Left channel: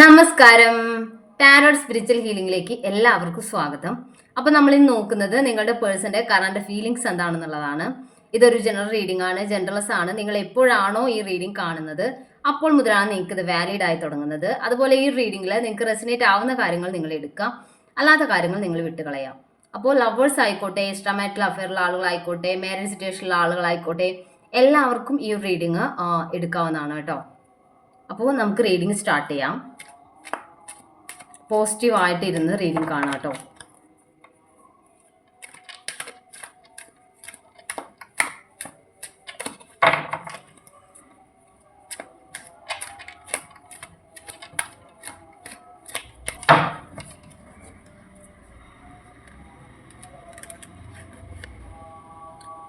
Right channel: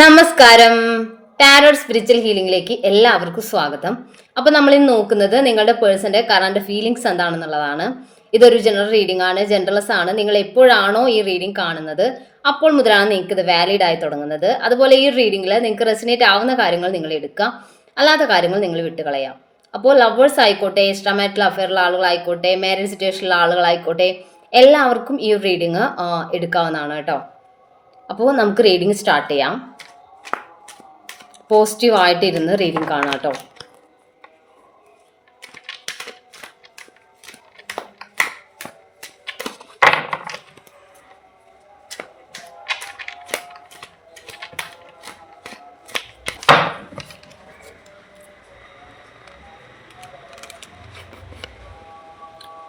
നമസ്കാരം. Tarot spiritual ഹീലിംഗിലേക്ക് എല്ലാവർക്കും സ്വാഗതം. അപ്പോൾ നമ്മൾ ഇന്ന് നോക്കുന്നത് നിങ്ങളുടെ പേഴ്സന്റെ കറണ്ട് ഫീലിംഗ്സ് എന്താണെന്നുള്ളതാണ്. ഇതൊരു ജനറൽ റീഡിംഗ് ആണ്, ജനറൽസ് ആണ്. നിങ്ങൾ എപ്പോഴാണോ ഈ റീഡിംഗ് കാണുന്നത് അപ്പോൾ മുതലാണ് നിങ്ങൾക്ക് ഇത് വാലിഡ് ആയി തുടങ്ങുന്നത്. അതുപോലെ ഈ റീഡിംഗിൽ നിങ്ങൾക്ക് റെസിനേറ്റ് ആവുന്ന കാര്യങ്ങൾ നിങ്ങൾ എടുക്കുക, അല്ലാത്ത കാര്യങ്ങൾ നിങ്ങൾ വിട്ടുകളയാം. അപ്പോൾ ലവേഴ്സ് ആയിക്കോട്ടെ, എക്സ്ട്രാ മാരിറ്റൽ അഫെയറുള്ള ആളുകളായിക്കോട്ടെ, മാരേജ് സിറ്റുവേഷനിലുള്ള ആളുകളായിക്കോട്ടെ, എല്ലാവർക്കും ഈ റീഡിംഗ് എടുക്കാവുന്നതാണ് കേട്ടോ. അപ്പോൾ നമുക്ക് റീഡിംഗ് സ്റ്റാർട്ട് ചെയ്യാം. പോസിറ്റീവായിട്ട് ഇരുന്ന് റീഡിംഗ് കാണാം കേട്ടോ.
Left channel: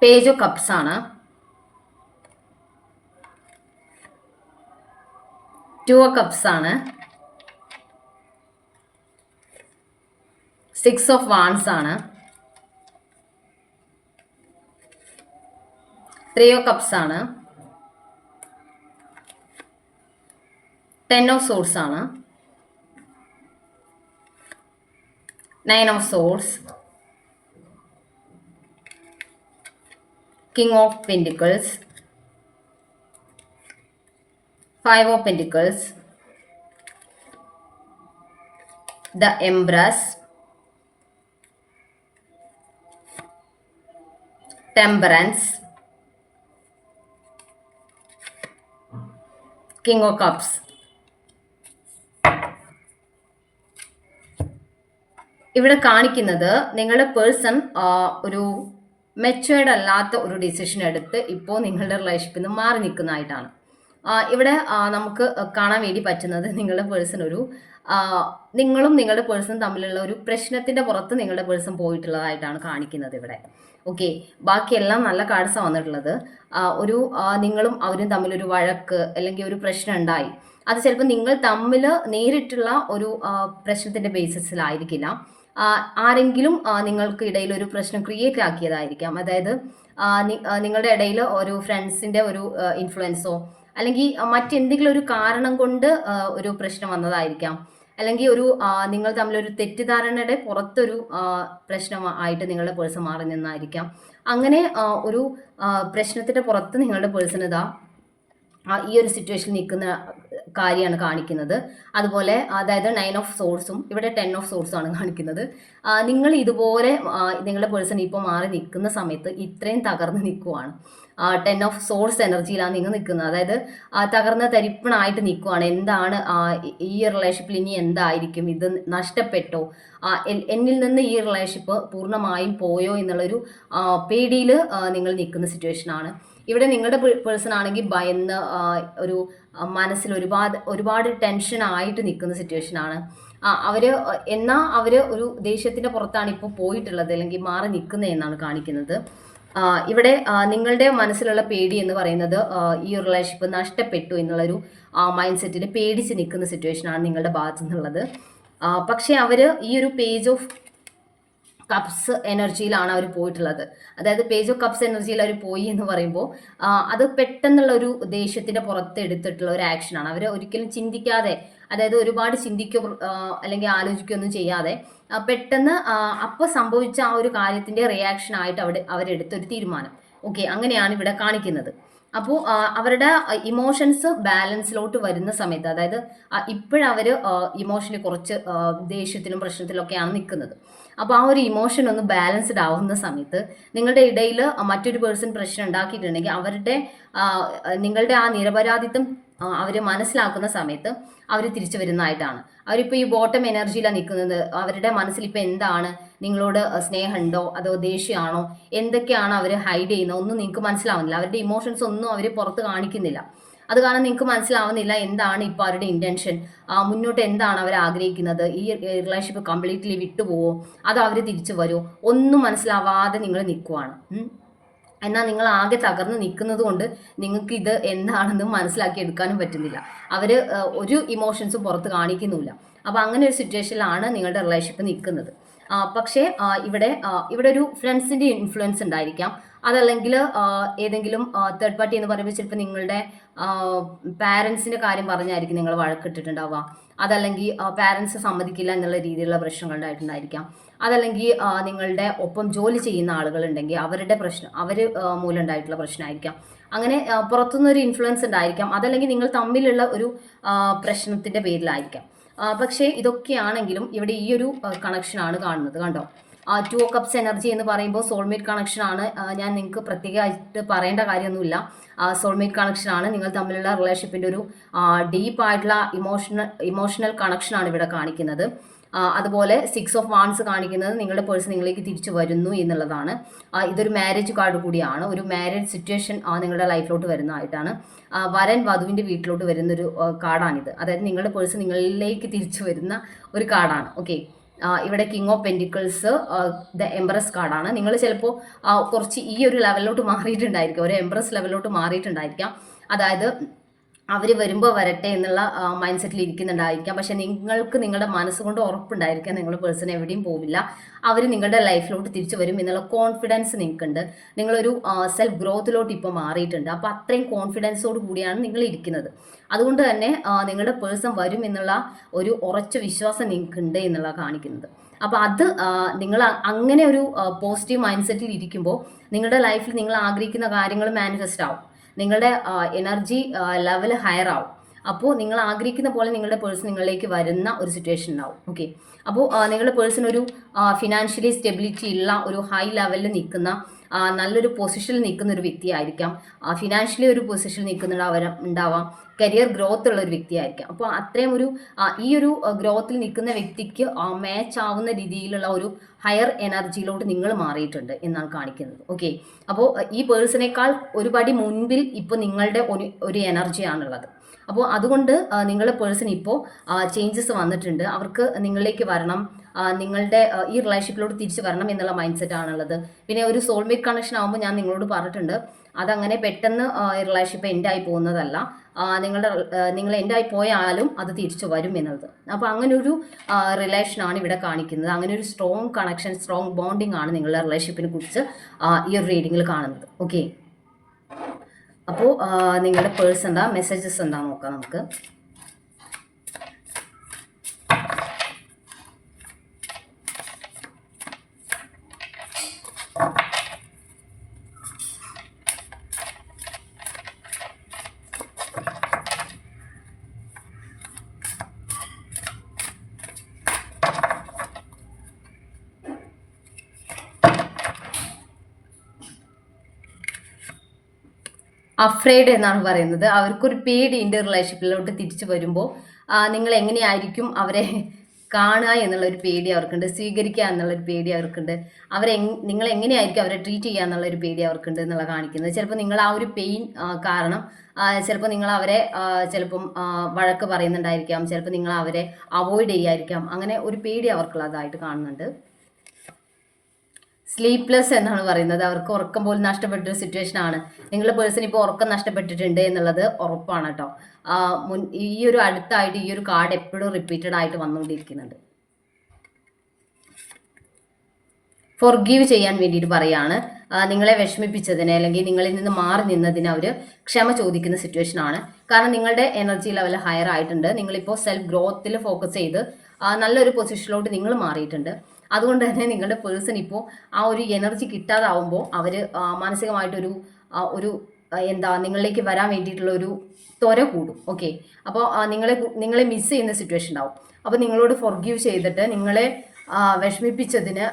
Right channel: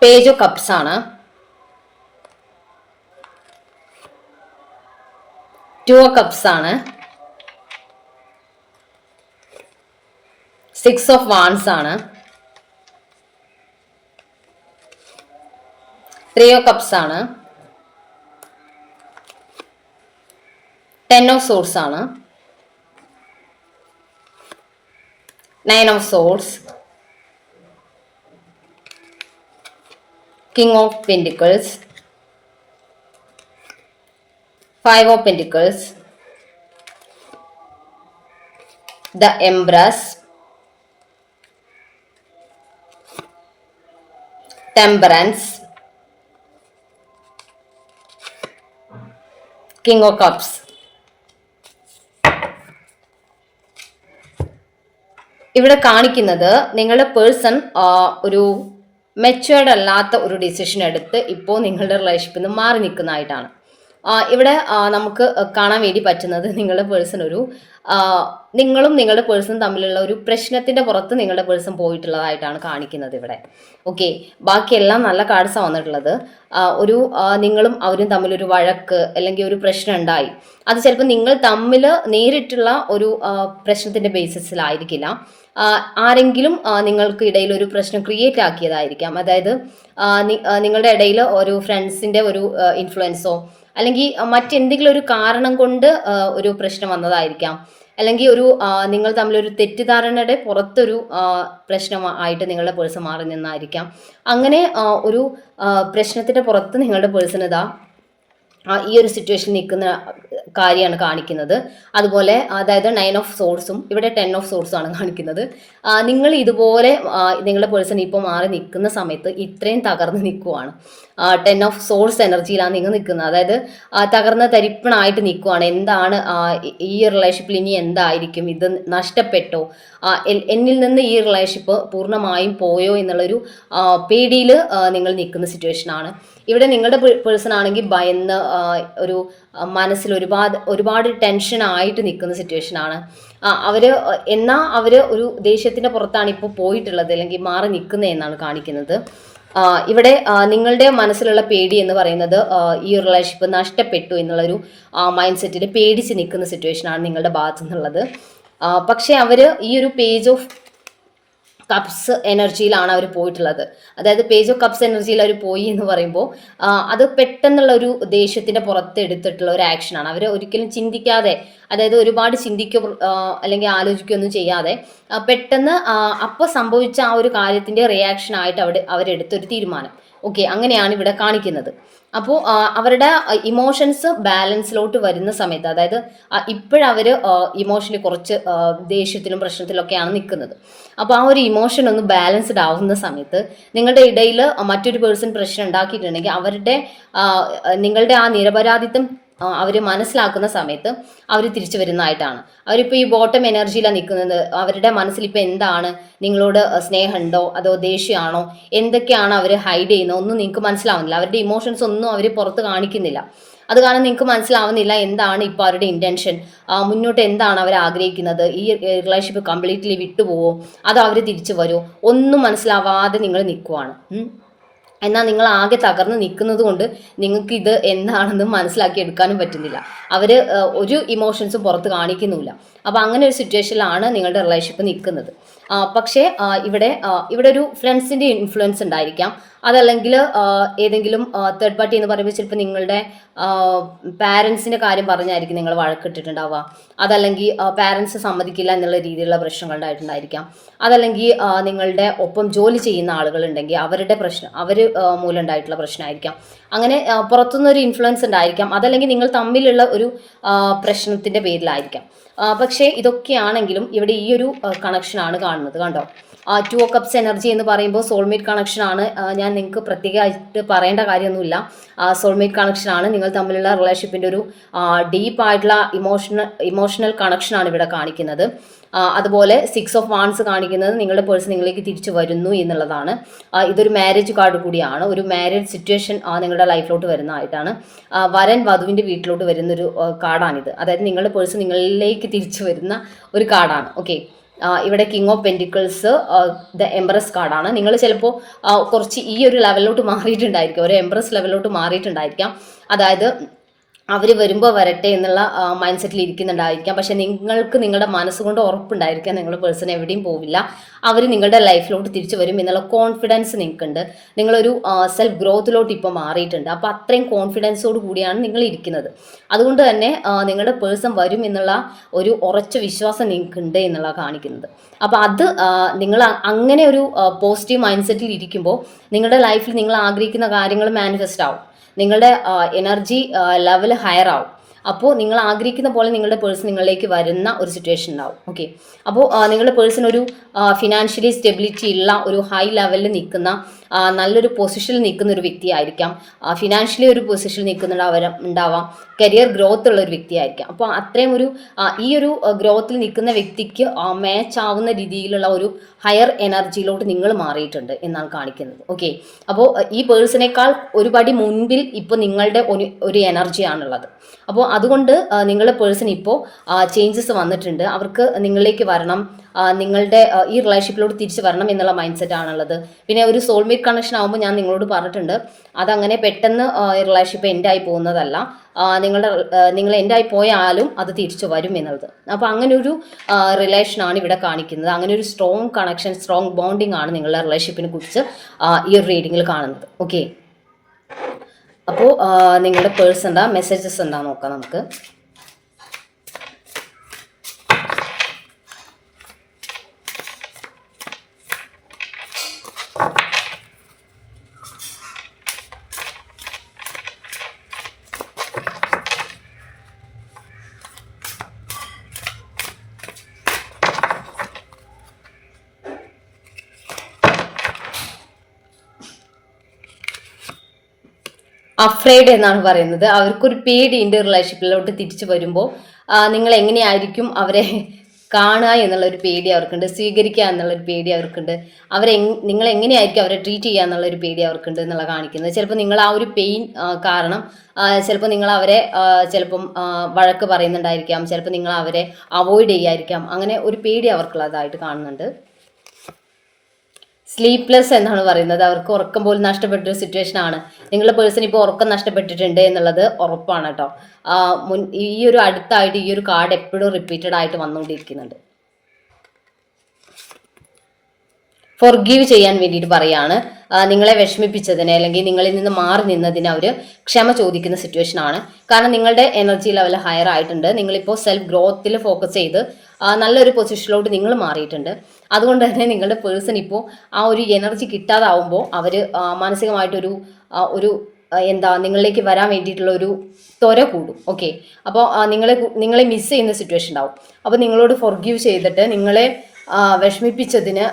പേജ് ഓഫ് കപ്സ് ആണ്. 2 ഓഫ് കപ്സ് ആണ്. 6 ഓഫ് വാൻസ് ആണ്. 3 ഓഫ് കപ്സ് ആണ്. 10 ഓഫ് സോർഡ്സ് ആണ്. 9 of swords. King of pentacles. 5 of pentacles. The empress. Temperance, King of Cups. ഇവിടെ കാണിക്കുന്നത് നിങ്ങളുടെ പേഴ്സൺ ഒരു മെച്യൂർഡ് അല്ലാത്ത ഒരു ഡിസിഷൻ എടുത്ത് ഇപ്പോൾ നിങ്ങളുടെ റിലേഷൻഷിപ്പിൽ നിന്ന് മാറി നിൽക്കുന്നതായിട്ടാണ്. ഇവിടെ നമുക്ക് കാണാൻ വേണ്ടി പറ്റുന്നത് നിങ്ങളുടെ പേഴ്സൺ നിങ്ങളും നിങ്ങളുടെ പേഴ്സണും തമ്മിലുള്ള ഒരു പ്രശ്നത്തിന്റെ പുറത്ത് നിങ്ങളുടെ പേഴ്സൺ പോയിട്ടുള്ളതായിട്ടാണ് കാണിക്കുന്നത് ഇവിടെ. ഓക്കെ, ബാക്കിയെല്ലാം നല്ല കാർഡ്സാണ് വന്നിട്ടുള്ളത്. നിങ്ങളും അവരും തമ്മിലൊരു വഴക്ക് അല്ലെങ്കിൽ ഒരു പ്രശ്നം ഉണ്ടായി. അത് ചിലപ്പോൾ നിങ്ങൾ തമ്മിൽ നേരിട്ടുള്ള ഒരു പ്രശ്നത്തിന്റെ ബേസിസിലായിരിക്കില്ല. ആരെങ്കിലും നിങ്ങൾക്ക് ഇടയിൽ ഒരു പ്രശ്നം ക്രിയേറ്റ് ആക്കിയതായിരിക്കാം. അതായത് നിങ്ങളുടെ ഇടയിൽ ഒരു ഫ്രണ്ട്സിന്റെ ഒരു ഇൻഫ്ലുവൻസോ അല്ലെങ്കിൽ മറ്റെന്തെങ്കിലും ഒരു കാരണം കൊണ്ട് ഒരു പ്രശ്നം വന്നതായിരിക്കാം. അല്ലെങ്കിൽ നിങ്ങൾ തമ്മിലൊരു തെറ്റിദ്ധാരണയുടെ പുറത്തൊരു പ്രശ്നമായിട്ട് നിങ്ങളുടെ പേഴ്സൺ മാറി നിന്നായിരിക്കാം. അങ്ങനെ ഒരു പ്രശ്നത്തിന്റെ പുറത്ത് നിങ്ങളുടെ പേഴ്സൺ ഈ ഒരു സിറ്റുവേഷൻ നിൽക്കുന്ന കാര്യമാണ് കാണിക്കുന്നത്. അതുപോലെ അതായത് 9 ഓഫ് സോർഡ്സും ഇവിടെ 10 ഓഫ് സോർഡ്സും ആണ് കാണിക്കുന്നത്. നിങ്ങൾ ഇതുപോലെ നിങ്ങളുടെ പേഴ്സൺ ഇപ്പോൾ മാറി നിൽക്കുന്ന സമയത്ത് ഇത്രയും തകർന്ന് നിൽക്കുവാണ്. 10 ഓഫ് സോർഡ്സ് എനർജിയിലാണ് നിങ്ങൾ നിൽക്കുന്നത്. അതായത് തകർന്ന തരിപ്പണായിട്ട് നിൽക്കുവാണ്. എന്താണ് ഈ റിലേഷൻഷിപ്പിൽ ഇനി എന്തായിരിക്കും, ഇത് നഷ്ടപ്പെട്ടോ, എന്നിൽ നിന്ന് ഈ റിലേഷൻഷിപ്പ് പൂർണ്ണമായും പോയോ എന്നുള്ളൊരു പേടിയിൽ നിങ്ങൾ നിൽക്കുന്ന സിറ്റുവേഷനാണ്. ഇവിടെ നിങ്ങളുടെ പേഴ്സൺ ആണെങ്കിൽ ഭയന്ന് മനസ്സിൽ ഒരുപാട് ടെൻഷൻ ആയിട്ട് നിൽക്കുന്ന സിറ്റുവേഷനാണ്. അവർ ഒരു ദേഷ്യത്തിൻ്റെ പുറത്താണ് ഇപ്പോൾ പോയിട്ടുള്ളത് അല്ലെങ്കിൽ മാറി നിൽക്കുന്നത് എന്നാണ് കാണിക്കുന്നത്. ഇവിടെ നിങ്ങളുടെ മനസ്സിലുള്ള പേടി എന്ന് പറയുന്നത് ഈ റിലേഷൻഷിപ്പ് നഷ്ടപ്പെട്ടു എന്നുള്ളൊരു മൈൻഡ് സെറ്റിൽ പേടിച്ച് നിൽക്കുന്ന സിറ്റുവേഷനാണ് നിങ്ങളുടെ ഭാഗത്തു നിന്നുള്ളത്. പക്ഷേ ഈ ഒരു പേജ് ഓഫ് കപ്സ് എനർജിയിലാണ് അവർ പോയിട്ടുള്ളത്. അതായത് പേജ് ഓഫ് കപ്സ് എനർജിയിൽ അവർ പോയി എന്ന് പറയുമ്പോൾ അത് പെട്ടെന്നുള്ള ഒരു ദേഷ്യത്തിൻ്റെ പുറത്ത് എടുത്തിട്ടുള്ള ഒരു ആക്ഷനാണ്. അവർ ഒരിക്കലും ചിന്തിക്കാതെ, അതായത് ഒരുപാട് അല്ലെങ്കിൽ ആലോചിക്കുകയൊന്നും ചെയ്യാതെ പെട്ടെന്ന് അപ്പോൾ സംഭവിച്ച ആ ഒരു കാര്യത്തിൻ്റെ റിയാക്ഷനായിട്ട് അവരെടുത്തൊരു തീരുമാനം. ഓക്കെ, അങ്ങനെയാണ് ഇവിടെ കാണിക്കുന്നത്. അപ്പോൾ അവരുടെ ഇമോഷൻസ് ബാലൻസിലോട്ട് വരുന്ന സമയത്ത്, അതായത് ഇപ്പോഴവർ ഇമോഷണലി കുറച്ച് ദേഷ്യത്തിലും പ്രശ്നത്തിലൊക്കെയാണ് നിൽക്കുന്നത്. അപ്പോൾ ആ ഒരു ഇമോഷൻ ഒന്ന് ബാലൻസ്ഡ് ആവുന്ന സമയത്ത് നിങ്ങളുടെ ഇടയിൽ മറ്റൊരു പേഴ്സൺ പ്രശ്നം ഉണ്ടാക്കിയിട്ടുണ്ടെങ്കിൽ നിങ്ങളുടെ ആ നിരപരാധിത്വം അവർ മനസ്സിലാക്കുന്ന സമയത്ത് അവർ തിരിച്ചു വരുന്നതായിട്ടാണ്. അവരിപ്പോൾ ഈ ബോട്ടം എനർജിയിലാണ് നിൽക്കുന്നത്. അവരുടെ മനസ്സിൽ ഇപ്പോൾ എന്താണ്, നിങ്ങളോട് സ്നേഹമുണ്ടോ അതോ ദേഷ്യമാണോ, എന്തൊക്കെയാണ് അവർ ഹൈഡ് ചെയ്യുന്നത് ഒന്നും നിങ്ങൾക്ക് മനസ്സിലാവുന്നില്ല. അവരുടെ ഇമോഷൻസ് ഒന്നും അവർ പുറത്ത് കാണിക്കുന്നില്ല. അത് കാരണം നിങ്ങൾക്ക് മനസ്സിലാവുന്നില്ല എന്താണ് ഇപ്പോൾ അവരുടെ ഇൻറ്റൻഷൻ, മുന്നോട്ട് എന്താണ് അവർ ആഗ്രഹിക്കുന്നത്, ഈ റിലേഷൻഷിപ്പ് കംപ്ലീറ്റ്ലി വിട്ടുപോവോ അതോ അവർ തിരിച്ചു വരുമോ, ഒന്നും മനസ്സിലാവാതെ നിങ്ങൾ നിൽക്കുവാണ്. എന്നാൽ നിങ്ങൾ ആകെ തകർന്ന് നിൽക്കുന്നത് കൊണ്ട് നിങ്ങൾക്ക് ഇത് എന്താണെന്ന് മനസ്സിലാക്കി എടുക്കാനും പറ്റുന്നില്ല. അവർ ഒരു ഇമോഷൻസും പുറത്ത് കാണിക്കുന്നില്ല. അപ്പോൾ അങ്ങനെ ഒരു സിറ്റുവേഷനിലാണ് നിങ്ങളുടെ റിലേഷൻഷിപ്പ് നിൽക്കുന്നത്. പക്ഷേ ഇവിടെ ഒരു ഫ്രണ്ട്സിൻ്റെ ഇൻഫ്ലുവൻസ് ഉണ്ടായിരിക്കാം. അതല്ലെങ്കിൽ ഏതെങ്കിലും തേർഡ് പാർട്ടി എന്ന് പറയുമ്പോൾ ചിലപ്പോൾ നിങ്ങളുടെ പാരൻസിൻ്റെ കാര്യം പറഞ്ഞായിരിക്കും നിങ്ങൾ വഴക്കിട്ടിട്ടുണ്ടാവുക. അതല്ലെങ്കിൽ പാരൻസ് സമ്മതിക്കില്ല എന്നുള്ള രീതിയിലുള്ള പ്രശ്നങ്ങൾ ഉണ്ടായിട്ടുണ്ടായിരിക്കാം. അതല്ലെങ്കിൽ നിങ്ങളുടെ ഒപ്പം ജോലി ചെയ്യുന്ന ആളുകളുണ്ടെങ്കിൽ അവരുടെ പ്രശ്നം മൂലം ഉണ്ടായിട്ടുള്ള പ്രശ്നമായിരിക്കാം. അങ്ങനെ പുറത്തുനിന്നൊരു ഇൻഫ്ലുവൻസ് ഉണ്ടായിരിക്കാം. അതല്ലെങ്കിൽ നിങ്ങൾ തമ്മിലുള്ള ഒരു പ്രശ്നത്തിൻ്റെ പേരിലായിരിക്കാം. പക്ഷേ ഇതൊക്കെയാണെങ്കിലും ഇവിടെ ഈ ഒരു കണക്ഷനാണ് കാണുന്നത്. കണ്ടോ, 2 ഓഫ് കപ്സ് എനർജി എന്ന് പറയുമ്പോൾ സോൾമേറ്റ് കണക്ഷനാണ്. ഞാൻ നിങ്ങൾക്ക് പ്രത്യേകമായിട്ട് പറയേണ്ട കാര്യമൊന്നുമില്ല. സോൾമേറ്റ് കണക്ഷനാണ്. നിങ്ങൾ തമ്മിലുള്ള റിലേഷൻഷിപ്പിൻ്റെ ഒരു ഡീപ്പായിട്ടുള്ള ഇമോഷണൽ കണക്ഷനാണ് ഇവിടെ കാണിക്കുന്നത്. അതുപോലെ 6 ഓഫ് വാൻസ് കാണിക്കുന്നത് നിങ്ങളുടെ പേഴ്സൺ നിങ്ങളിലേക്ക് തിരിച്ചു വരുന്നു എന്നുള്ളതാണ്. ഇതൊരു മാരേജ് കാർഡ് കൂടിയാണ്. ഒരു മാരേജ് സിറ്റുവേഷൻ നിങ്ങളുടെ ലൈഫിലോട്ട് വരുന്നതായിട്ടാണ്. വരൻ വധുവിൻ്റെ വീട്ടിലോട്ട് വരുന്നൊരു കാർഡാണിത്. അതായത് നിങ്ങളുടെ പേഴ്സൺ നിങ്ങളിലേക്ക് തിരിച്ചു വരുന്ന ഒരു കാർഡാണ്. ഓക്കെ, ഇവിടെ king of pentacles, the empress കാർഡാണ്. നിങ്ങൾ ചിലപ്പോൾ കുറച്ച് ഈ ഒരു ലെവലിലോട്ട് മാറിയിട്ടുണ്ടായിരിക്കും, ഒരു എംപ്രസ് ലെവലിലോട്ട് മാറിയിട്ടുണ്ടായിരിക്കാം. അതായത് അവർ വരുമ്പോൾ വരട്ടെ എന്നുള്ള മൈൻഡ് സെറ്റിൽ ഇരിക്കുന്നുണ്ടായിരിക്കാം. പക്ഷെ നിങ്ങൾക്ക് നിങ്ങളുടെ മനസ്സുകൊണ്ട് ഉറപ്പുണ്ടായിരിക്കാം നിങ്ങളുടെ പേഴ്സൺ എവിടെയും പോവില്ല, അവർ നിങ്ങളുടെ ലൈഫിലോട്ട് തിരിച്ചു വരും എന്നുള്ള കോൺഫിഡൻസ് നിങ്ങൾക്കുണ്ട്. നിങ്ങളൊരു സെൽഫ് ഗ്രോത്തിലോട്ട് ഇപ്പോൾ മാറിയിട്ടുണ്ട്. അപ്പോൾ അത്രയും കോൺഫിഡൻസോട് കൂടിയാണ് നിങ്ങൾ ഇരിക്കുന്നത്. അതുകൊണ്ട് തന്നെ നിങ്ങളുടെ പേഴ്സൺ വരും എന്നുള്ള ഒരു ഉറച്ച വിശ്വാസം നിങ്ങൾക്കുണ്ട് എന്നുള്ള കാണിക്കുന്നത്. അപ്പോൾ അത് നിങ്ങൾ അങ്ങനെ ഒരു പോസിറ്റീവ് മൈൻഡ് സെറ്റിൽ ഇരിക്കുമ്പോൾ നിങ്ങളുടെ ലൈഫിൽ നിങ്ങൾ ആഗ്രഹിക്കുന്ന കാര്യങ്ങൾ മാനിഫെസ്റ്റ് ആവും. നിങ്ങളുടെ എനർജി ലെവൽ ഹയർ ആവും. അപ്പോൾ നിങ്ങൾ ആഗ്രഹിക്കുന്ന പോലെ നിങ്ങളുടെ പേഴ്സൺ നിങ്ങളിലേക്ക് വരുന്ന ഒരു സിറ്റുവേഷൻ ഉണ്ടാവും. ഓക്കെ, അപ്പോൾ നിങ്ങളുടെ പേഴ്സൺ ഒരു ഫിനാൻഷ്യലി സ്റ്റെബിലിറ്റി ഉള്ള ഒരു ഹൈ ലെവലിൽ നിൽക്കുന്ന നല്ലൊരു പൊസിഷനിൽ നിൽക്കുന്ന ഒരു വ്യക്തിയായിരിക്കാം. ഫിനാൻഷ്യലി ഒരു പൊസിഷനിൽ ഉണ്ടാവാം. കരിയർ ഗ്രോത്ത് ഉള്ള ഒരു വ്യക്തിയായിരിക്കാം. അപ്പോൾ അത്രയും ഒരു ഈ ഒരു ഗ്രോത്തിൽ നിൽക്കുന്ന വ്യക്തിക്ക് മാച്ച് ആവുന്ന രീതിയിലുള്ള ഒരു ഹയർ എനർജിയിലോട്ട് നിങ്ങൾ മാറിയിട്ടുണ്ട് എന്നാണ് കാണിക്കുന്നത്. ഓക്കെ, അപ്പോൾ ഈ പേഴ്സണേക്കാൾ ഒരു പടി മുൻപിൽ ഇപ്പോൾ നിങ്ങളുടെ ഒരു എനർജിയാണുള്ളത്. അപ്പോൾ അതുകൊണ്ട് നിങ്ങളുടെ പേഴ്സൺ ഇപ്പോൾ ചേഞ്ചസ് വന്നിട്ടുണ്ട്. അവർക്ക് നിങ്ങളിലേക്ക് വരണം, നിങ്ങളുടെ ഈ റിലേഷൻഷിപ്പിലോട്ട് തിരിച്ച് വരണം എന്നുള്ള മൈൻഡ് സെറ്റ് ആണുള്ളത്. പിന്നെ ഒരു സോൾമേറ്റ് കണക്ഷൻ ആകുമ്പോൾ ഞാൻ നിങ്ങളോട് പറഞ്ഞിട്ടുണ്ട്, അതങ്ങനെ പെട്ടെന്ന് റിലേഷൻഷിപ്പ് എൻഡായി പോകുന്നതല്ല. നിങ്ങൾ എൻഡായി പോയാലും അത് തിരിച്ചു വരും എന്നുള്ളത്. അപ്പോൾ അങ്ങനെ ഒരു റിലേഷനാണ് ഇവിടെ കാണിക്കുന്നത്. അങ്ങനെ ഒരു സ്ട്രോങ് കണക്ഷൻ, സ്ട്രോങ് ബോണ്ടിങ് ആണ് നിങ്ങളുടെ റിലേഷൻഷിപ്പിനെ കുറിച്ച് ഈ ഒരു റീഡിങ്ങിൽ കാണുന്നത്. ഓക്കെ, അപ്പോൾ നിങ്ങളുടെ പേഴ്സൺ എന്താ മെസ്സേജസ് എന്താ നോക്കാം നമുക്ക്. അഫ്രൈഡ് എന്നാണ് പറയുന്നത്. അവർക്കൊരു പേടിയുണ്ട് റിലേഷൻഷിപ്പിലോട്ട് തിരിച്ചു വരുമ്പോൾ. നിങ്ങൾ എങ്ങനെയായിരിക്കും അവരെ കാണുക എന്നുള്ളൊരു പേടി അവർക്കുണ്ട്, സ്വീകരിക്കുക എന്നുള്ളൊരു പേടി അവർക്കുണ്ട്, നിങ്ങൾ എങ്ങനെയായിരിക്കും അവരെ ട്രീറ്റ് ചെയ്യുക എന്നുള്ളൊരു പേടി അവർക്കുണ്ട് എന്നുള്ള കാണിക്കുന്നത്. ചിലപ്പോൾ നിങ്ങൾ ആ ഒരു പെയിൻ കാരണം ചിലപ്പോൾ നിങ്ങൾ അവരെ ചിലപ്പം വഴക്ക് പറയുന്നുണ്ടായിരിക്കാം, ചിലപ്പോൾ നിങ്ങൾ അവരെ അവോയ്ഡ് ചെയ്യായിരിക്കാം. അങ്ങനെ ഒരു പേടി അവർക്കുള്ളതായിട്ട് കാണുന്നുണ്ട്. സ്ലീപ്ലെസ് എന്നാണ് പറയുന്നത്. അവർക്ക് ഉറക്കം പോലും നഷ്ടപ്പെട്ടൊരു സിറ്റുവേഷൻ ആണ്. നിങ്ങളുടെ പേഴ്സൺ ഇപ്പോൾ ഉറക്കം നഷ്ടപ്പെട്ടിട്ടുണ്ട് എന്നുള്ളത് ഉറപ്പാണ് കേട്ടോ. ഈ ഒരു അടുത്തായിട്ട് ഈ ഒരു കാർഡ് എപ്പോഴും റിപ്പീറ്റഡ് ആയിട്ട് വന്നുകൊണ്ടിരിക്കുന്നുണ്ട്. ഫോർഗീവ് ചെയ്യാൻ വേണ്ടിയിട്ട് പറയാണ്. നിങ്ങളെ വിഷമിപ്പിച്ചതിന് അല്ലെങ്കിൽ നിങ്ങളിൽ നിന്ന് മാറി നിന്നതിന് അവർ ക്ഷമ ചോദിക്കുന്ന സിറ്റുവേഷൻ ആണ്. കാരണം നിങ്ങളുടെ എനർജി ലെവൽ ഹയർ ആയിട്ടുണ്ട്. നിങ്ങളിപ്പോൾ സെൽഫ് ഗ്രോത്തിൽ ഫോക്കസ് ചെയ്ത് നല്ലൊരു പൊസിഷനിലോട്ട് നിങ്ങൾ മാറിയിട്ടുണ്ട്. അതുകൊണ്ട് തന്നെ നിങ്ങളുടെ പേഴ്സൺ ഇപ്പോൾ ആ ഒരു എനർജി കിട്ടാതാവുമ്പോൾ അവർ മാനസികമായിട്ടൊരു നിങ്ങളിലേക്ക് വരാൻ വേണ്ടിയിട്ടുള്ള ഒരു ത്വര കൂടും. ഓക്കെ, അപ്പോൾ നിങ്ങളെ മിസ് ചെയ്യുന്ന സിറ്റുവേഷൻ ഉണ്ടാവും. അപ്പോൾ നിങ്ങളോട് ഫോർഗീവ് ചെയ്തിട്ട് നിങ്ങളെ വിഷമിപ്പിച്ചതിന്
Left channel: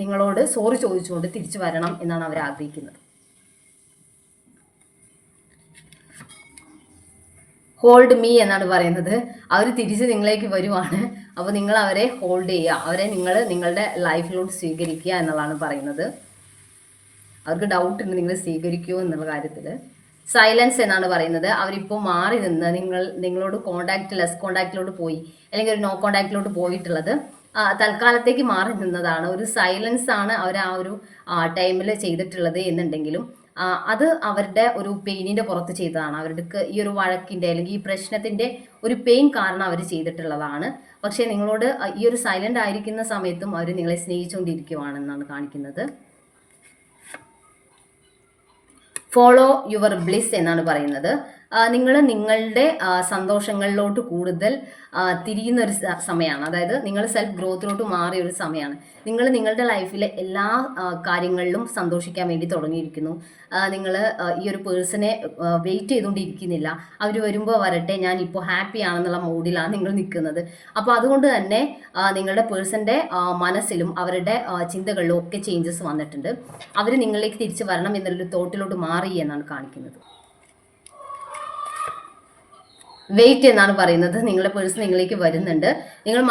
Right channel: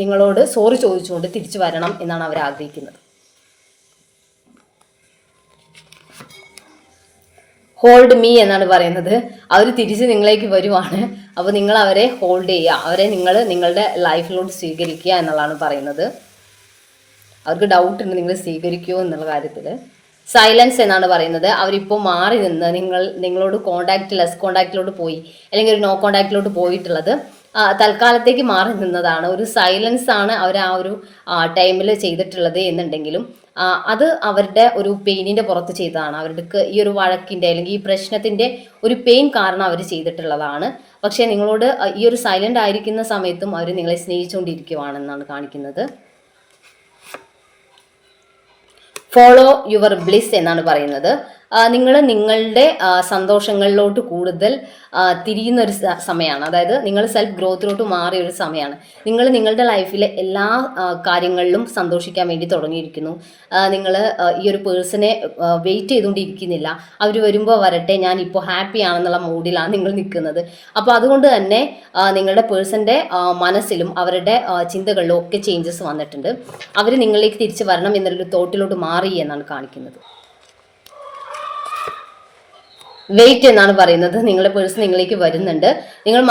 നിങ്ങളോട് സോറി ചോദിച്ചുകൊണ്ട് തിരിച്ചു വരണം എന്നാണ് അവർ ആഗ്രഹിക്കുന്നത്. ഹോൾഡ് മീ എന്നാണ് പറയുന്നത്. അവർ തിരിച്ച് നിങ്ങളിലേക്ക് വരുവാണ്. അപ്പോൾ നിങ്ങൾ അവരെ ഹോൾഡ് ചെയ്യുക, അവരെ നിങ്ങളുടെ ലൈഫിലോട്ട് സ്വീകരിക്കുക എന്നുള്ളതാണ് പറയുന്നത്. അവർക്ക് ഡൗട്ട് ഉണ്ട് നിങ്ങൾ സ്വീകരിക്കുമോ എന്നുള്ള കാര്യത്തിൽ. സൈലൻസ് എന്നാണ് പറയുന്നത്. അവരിപ്പോൾ മാറി നിന്ന് നിങ്ങളോട് ലെസ് കോണ്ടാക്റ്റിലോട്ട് പോയി, അല്ലെങ്കിൽ ഒരു നോ കോണ്ടാക്റ്റിലോട്ട് പോയിട്ടുള്ളത് തൽക്കാലത്തേക്ക് മാറി നിന്നതാണ്. ഒരു സൈലൻസ് ആണ് അവർ ആ ഒരു ടൈമിൽ ചെയ്തിട്ടുള്ളത് എന്നുണ്ടെങ്കിലും അത് അവരുടെ ഒരു പെയിനിൻ്റെ പുറത്ത് ചെയ്തതാണ്. അവർക്ക് ഈ ഒരു വഴക്കിൻ്റെ അല്ലെങ്കിൽ ഈ പ്രശ്നത്തിൻ്റെ ഒരു പെയിൻ കാരണം അവർ ചെയ്തിട്ടുള്ളതാണ്. പക്ഷേ നിങ്ങളോട് ഈ ഒരു സൈലൻ്റ് ആയിരിക്കുന്ന സമയത്തും അവർ നിങ്ങളെ സ്നേഹിച്ചുകൊണ്ടിരിക്കുവാണെന്നാണ് കാണിക്കുന്നത്. ഫോളോ യുവർ ബ്ലിസ് എന്നാണ് പറയുന്നത്. നിങ്ങൾ നിങ്ങളുടെ സന്തോഷങ്ങളിലോട്ട് കൂടുതൽ തിരിയുന്ന ഒരു സമയമാണ്. അതായത് നിങ്ങൾ സെൽഫ് ഗ്രോത്തിലോട്ട് മാറിയ ഒരു സമയമാണ്. നിങ്ങൾ നിങ്ങളുടെ ലൈഫിലെ എല്ലാ കാര്യങ്ങളിലും സന്തോഷിക്കാൻ വേണ്ടി തുടങ്ങിയിരിക്കുന്നു. നിങ്ങൾ ഈ ഒരു പേഴ്സണെ വെയിറ്റ് ചെയ്തുകൊണ്ടിരിക്കുന്നില്ല. അവർ വരുമ്പോൾ വരട്ടെ, ഞാൻ ഇപ്പോൾ ഹാപ്പി ആണെന്നുള്ള മൂഡിലാണ് നിങ്ങൾ നിൽക്കുന്നത്. അപ്പോൾ അതുകൊണ്ട് തന്നെ നിങ്ങളുടെ പേഴ്സൻ്റെ മനസ്സിലും അവരുടെ ചിന്തകളിലും ഒക്കെ ചേഞ്ചസ് വന്നിട്ടുണ്ട്. അവർ നിങ്ങളിലേക്ക് തിരിച്ചു വരണം എന്നുള്ളൊരു തോട്ടിലോട്ട് മാറി എന്നാണ് കാണിക്കുന്നത്. വെയിറ്റ് എന്നാണ് പറയുന്നത്. നിങ്ങളുടെ പേഴ്സൺ നിങ്ങളിലേക്ക് വരുന്നുണ്ട്. നിങ്ങൾ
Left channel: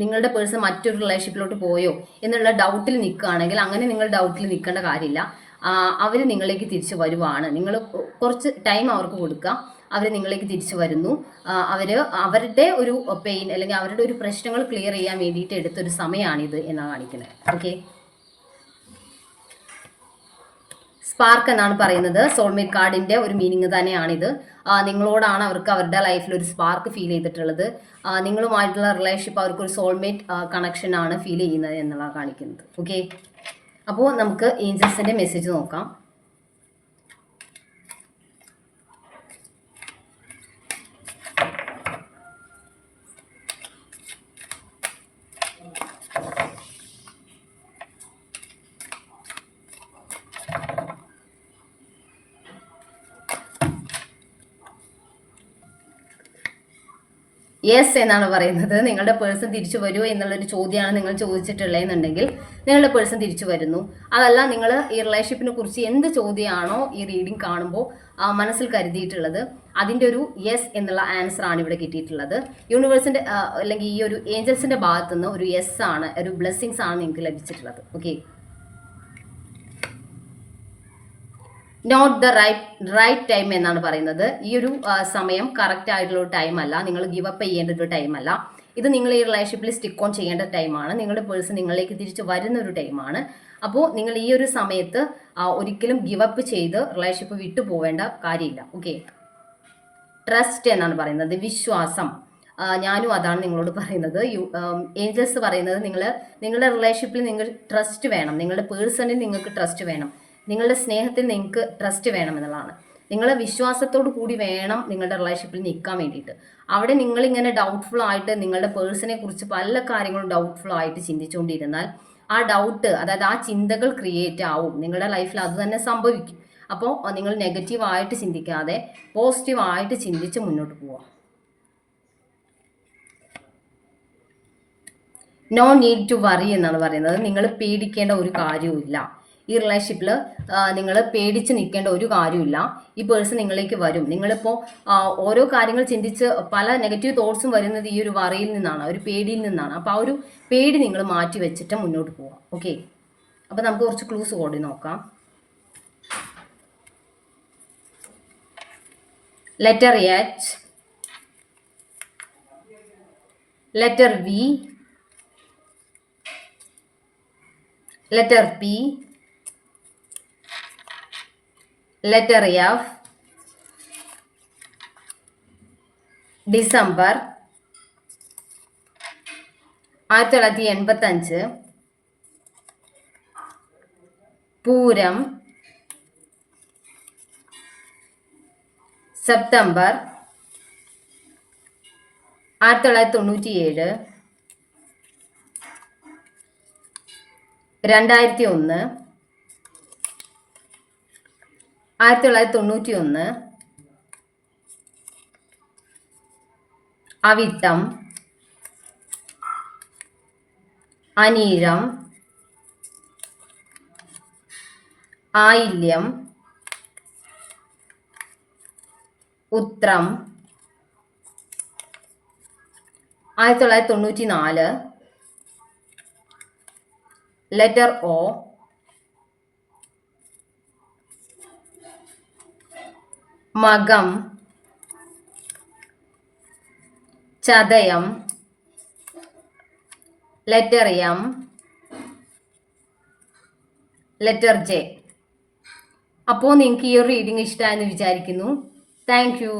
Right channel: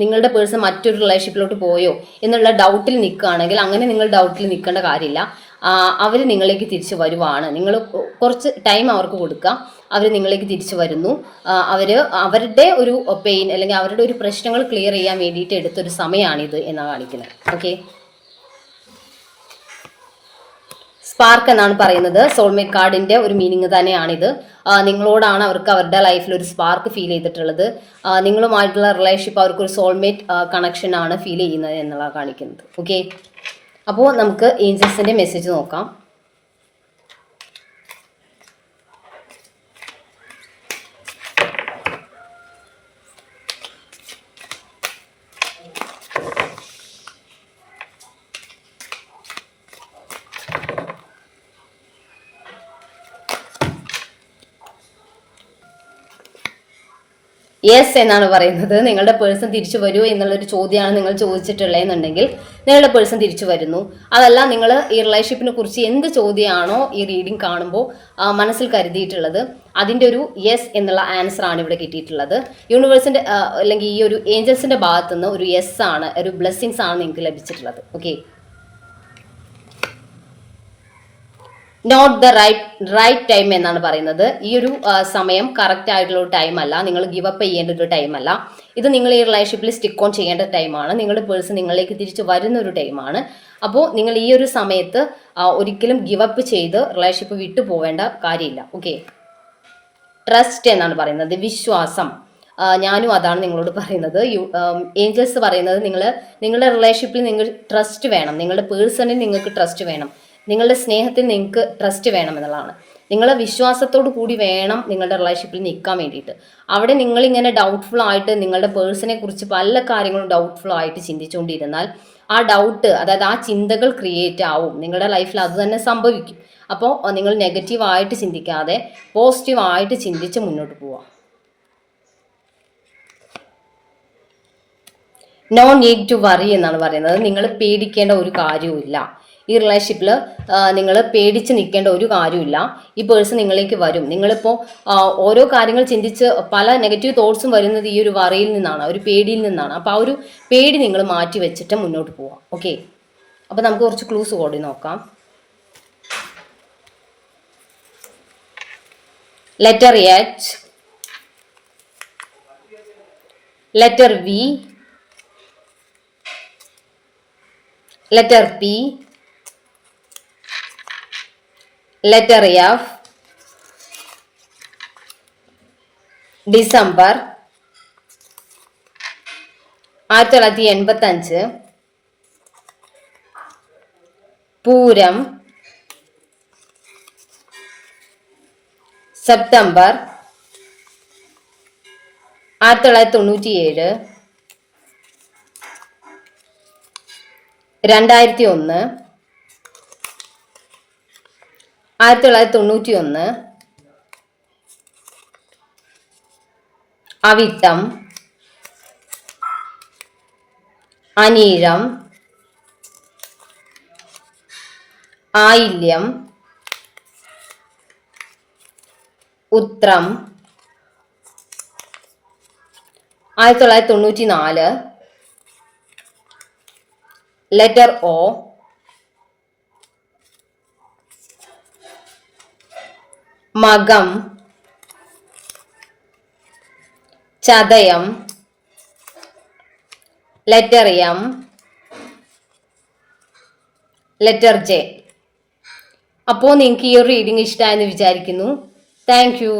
നിങ്ങളുടെ പേഴ്സൺ മറ്റൊരു റിലേഷൻഷിപ്പിലോട്ട് പോയോ എന്നുള്ള ഡൗട്ടിൽ നിൽക്കുകയാണെങ്കിൽ അങ്ങനെ നിങ്ങൾ ഡൗട്ടിൽ നിൽക്കേണ്ട കാര്യമില്ല. അവർ നിങ്ങളിലേക്ക് തിരിച്ചു വരുവാണ്. നിങ്ങൾ കുറച്ച് ടൈം അവർക്ക് കൊടുക്കുക. അവർ നിങ്ങളിലേക്ക് തിരിച്ചു വരുന്നു. അവരുടെ ഒരു പെയിൻ അല്ലെങ്കിൽ അവരുടെ ഒരു പ്രശ്നങ്ങൾ ക്ലിയർ ചെയ്യാൻ വേണ്ടിയിട്ട് എടുത്തൊരു സമയമാണിത് എന്നാണ് കാണിക്കുന്നത്. ഓക്കെ, സ്പാർക്ക് എന്നാണ് പറയുന്നത്. സോൾമേറ്റ് കാർഡിന്റെ ഒരു മീനിങ് തന്നെയാണിത്. നിങ്ങളോടാണ് അവർക്ക് അവരുടെ ലൈഫിൽ ഒരു സ്പാർക്ക് ഫീൽ ചെയ്തിട്ടുള്ളത്. നിങ്ങളുമായിട്ടുള്ള റിലേഷൻഷിപ്പ് അവർക്കൊരു സോൾമേറ്റ് കണക്ഷൻ ആണ് ഫീൽ ചെയ്യുന്നത് എന്നുള്ള കാണിക്കുന്നത്. ഓക്കെ, അപ്പോൾ നമുക്ക് ഏഞ്ചൽസിന്റെ മെസ്സേജ് നോക്കാം. യെസ് എന്നാണ് പറയുന്നത്. നിങ്ങളുടെ പേഴ്സൺ തിരിച്ചു വരുമോ എന്നുള്ളൊരു ചോദ്യമാണ് നിങ്ങൾ ചോദിച്ചിട്ടുള്ളതെന്നുണ്ടെങ്കിൽ നിങ്ങളുടെ പേഴ്സൺ തിരിച്ചു വരുന്നു. അതല്ല, നിങ്ങൾ ഈ റിലേഷൻഷിപ്പിനെ കുറിച്ച് എന്ത് ചോദ്യമാണോ ഈ റീഡിംഗ് കാണുമ്പോൾ മനസ്സിൽ കരുതിയിട്ടുള്ളത്, അതിൻ്റെ ഒരു യെസ് എന്നുള്ള ആൻസർ ആണ് ഇവിടെ കിട്ടിയിട്ടുള്ളത്. യൂണിവേഴ്സിൻ്റെ അല്ലെങ്കിൽ ഈ ഒരു ഏഞ്ചൽസിൻ്റെ ഭാഗത്തുനിന്ന് ഒരു യെസ് ആണ്, ഒരു ബ്ലെസ്സിങ്സ് ആണ് നിങ്ങൾക്ക് ലഭിച്ചിട്ടുള്ളത്. Okay, not the right time എന്നാണ് പറയുന്നത്. ഈ ഒരു സമയം കറക്റ്റ് ആയിട്ടുള്ള ഒരു ടൈം അല്ല. നിങ്ങൾ ഗിവ് അപ്പ് ചെയ്യേണ്ട ഒരു ടൈം അല്ല. ഇത് നിങ്ങൾ ഈ റിലേഷൻഷിപ്പിൽ സ്റ്റിക്ക് ഓൺ ചെയ്യേണ്ട ടൈമാണ്. നിങ്ങളുടെ പേഴ്സൺ നിങ്ങളിലേക്ക് തിരിച്ചു വരുന്ന ഒരു ടൈമാണ്. അപ്പോൾ നിങ്ങൾ ഈ ഒരു സമയത്ത് ഒരിക്കലും ഗിവ് അപ്പ് ചെയ്ത് റിലേഷൻഷിപ്പ് വിട്ടു പോവേണ്ട കാര്യമില്ല. ഓക്കെ, ട്രസ്റ്റ് എന്നാണ് പറയുന്നത്, വിശ്വാസം. ഞാനും അതാണ് നിങ്ങളോട് പറയുന്നത്. ഏഞ്ചൽസ് പറയുന്നത് നിങ്ങളുടെ റിലേഷൻഷിപ്പിൽ നിങ്ങൾ ട്രസ്റ്റ് വേണം. നിങ്ങളുടെ പേഴ്സണിൽ നിങ്ങൾക്ക് ട്രസ്റ്റ് വേണം. നിങ്ങളുടെ സ്നേഹത്തിൽ നിങ്ങൾക്ക് ട്രസ്റ്റ് വേണം എന്നുള്ളതാണ്. നിങ്ങളെ വിശ്വാസത്തോടു കൂടി വേണം നിങ്ങളുടെ റിലേഷൻഷിപ്പിൽ നിൽക്കാൻ വേണ്ടിയിട്ട്. അവിടെ നിങ്ങളിങ്ങനെ ഡൗട്ട്ഫുൾ ആയിട്ട് നിങ്ങളുടെ പേഴ്സണെ കുറിച്ച് പല കാര്യങ്ങളും ഡൗട്ട്ഫുൾ ആയിട്ട് ചിന്തിച്ചുകൊണ്ടിരുന്നാൽ ആ ഡൗട്ട്, അതായത് ആ ചിന്തകൾ ക്രിയേറ്റ് ആവും. നിങ്ങളുടെ ലൈഫിൽ അത് തന്നെ സംഭവിക്കും. അപ്പോൾ നിങ്ങൾ നെഗറ്റീവായിട്ട് ചിന്തിക്കാതെ പോസിറ്റീവായിട്ട് ചിന്തിച്ച് മുന്നോട്ട് പോവാം. നോ നീഡ് ടു വറി എന്നാണ് പറയുന്നത്. നിങ്ങൾ പേടിക്കേണ്ട ഒരു കാര്യവുമില്ല. ഈ റിലേഷൻഷിപ്പിൽ നിങ്ങൾ പേടിച്ച് നിൽക്കേണ്ട ഒരു കാര്യമില്ല. ഈ പേഴ്സൺ നിങ്ങളിലേക്ക് വരും. നിങ്ങളിപ്പോൾ ഓരോ കാര്യങ്ങൾ ചിന്തിച്ച് പല നെഗറ്റീവ് തോട്ട്സും വരുന്നത് ഈ ഒരു വറിയിൽ നിന്നാണ്, ഒരു പേടിയിൽ നിന്നാണ്. അപ്പോൾ ആ ഒരു പേടി നിങ്ങൾ മാറ്റി വെച്ചിട്ട് മുന്നോട്ട് പോവാം. ഓക്കെ, അപ്പോൾ നമുക്ക് കുറച്ച് ക്ലൂസ് കൂടി നോക്കാം. Letter H, letter V, letter P, letter F, December 1985, പൂരം സെപ്റ്റംബർ 1997, 2001, 1991, അവിട്ടം, അനീഴം, ആയില്യം, ഉത്രം 1994, ലെറ്റർ ഒ, മകം, ചതയം, ലെറ്റർ എം, ലെറ്റർ ജെ. അപ്പോൾ നിങ്ങൾക്ക് ഈ ഒരു റീഡിംഗ് ഇഷ്ടമായെന്ന് വിചാരിക്കുന്നു. Thank U.